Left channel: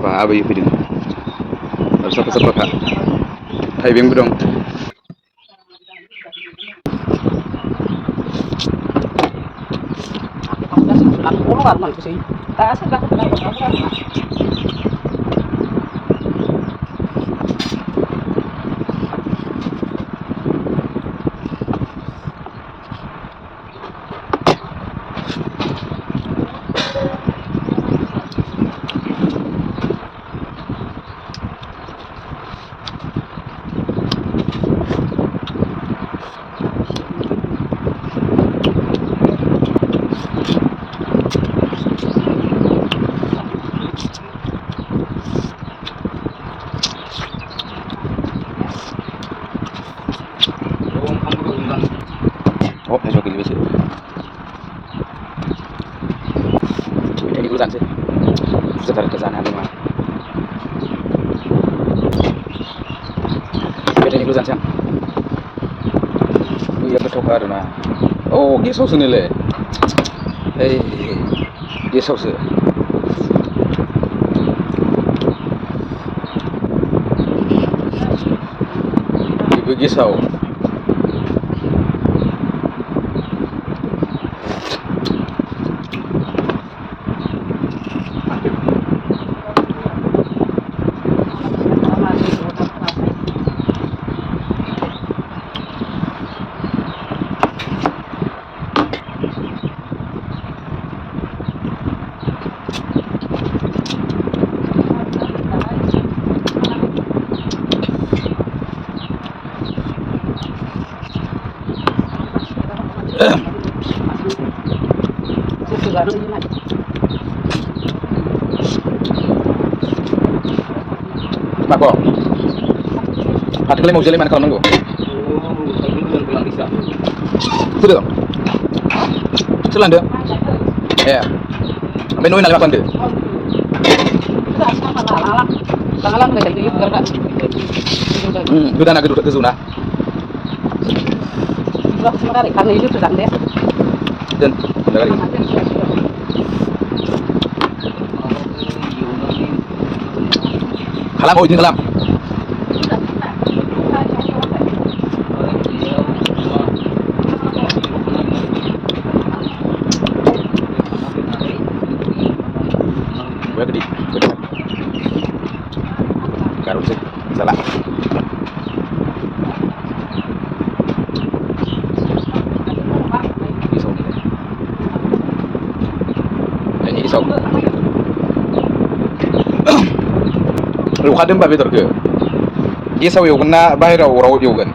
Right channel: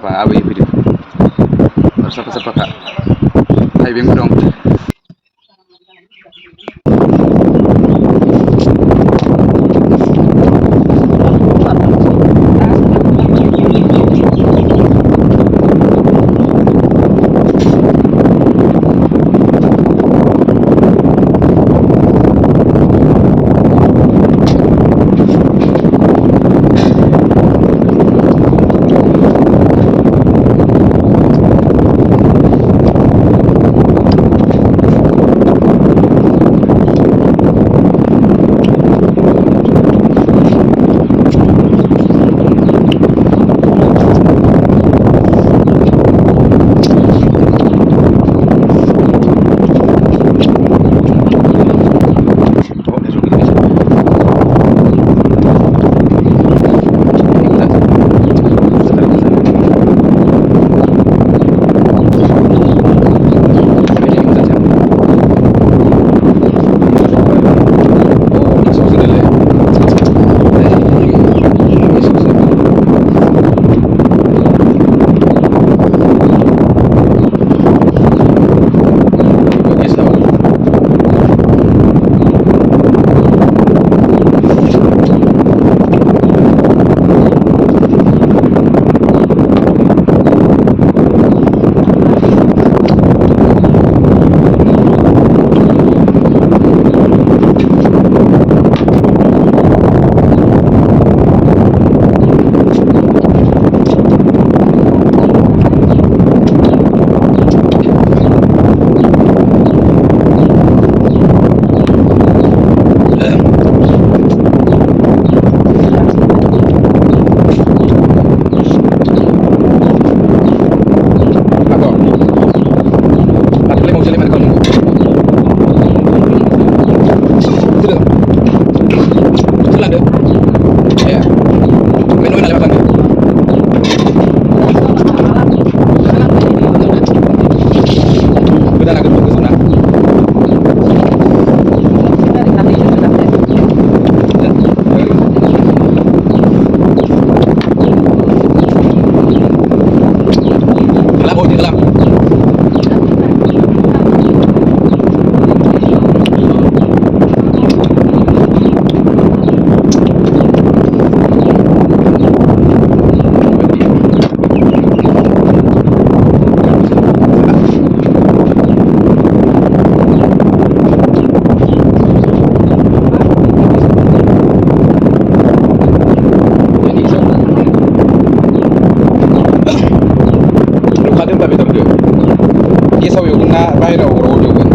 साफा आबै फैदों आरो साफा साफाखा थाइबेंबो दं। Mako, pakai mau jalan mana kalau nunggu? Itu dong. Jalan deh. Ya. Menu ini makan deh. Sudah nak duduk ke sana. Dan, lagi. Halam, oh ini halam. Lu kadang babi terke. Iya sawi, guna bayar orang jauh kan.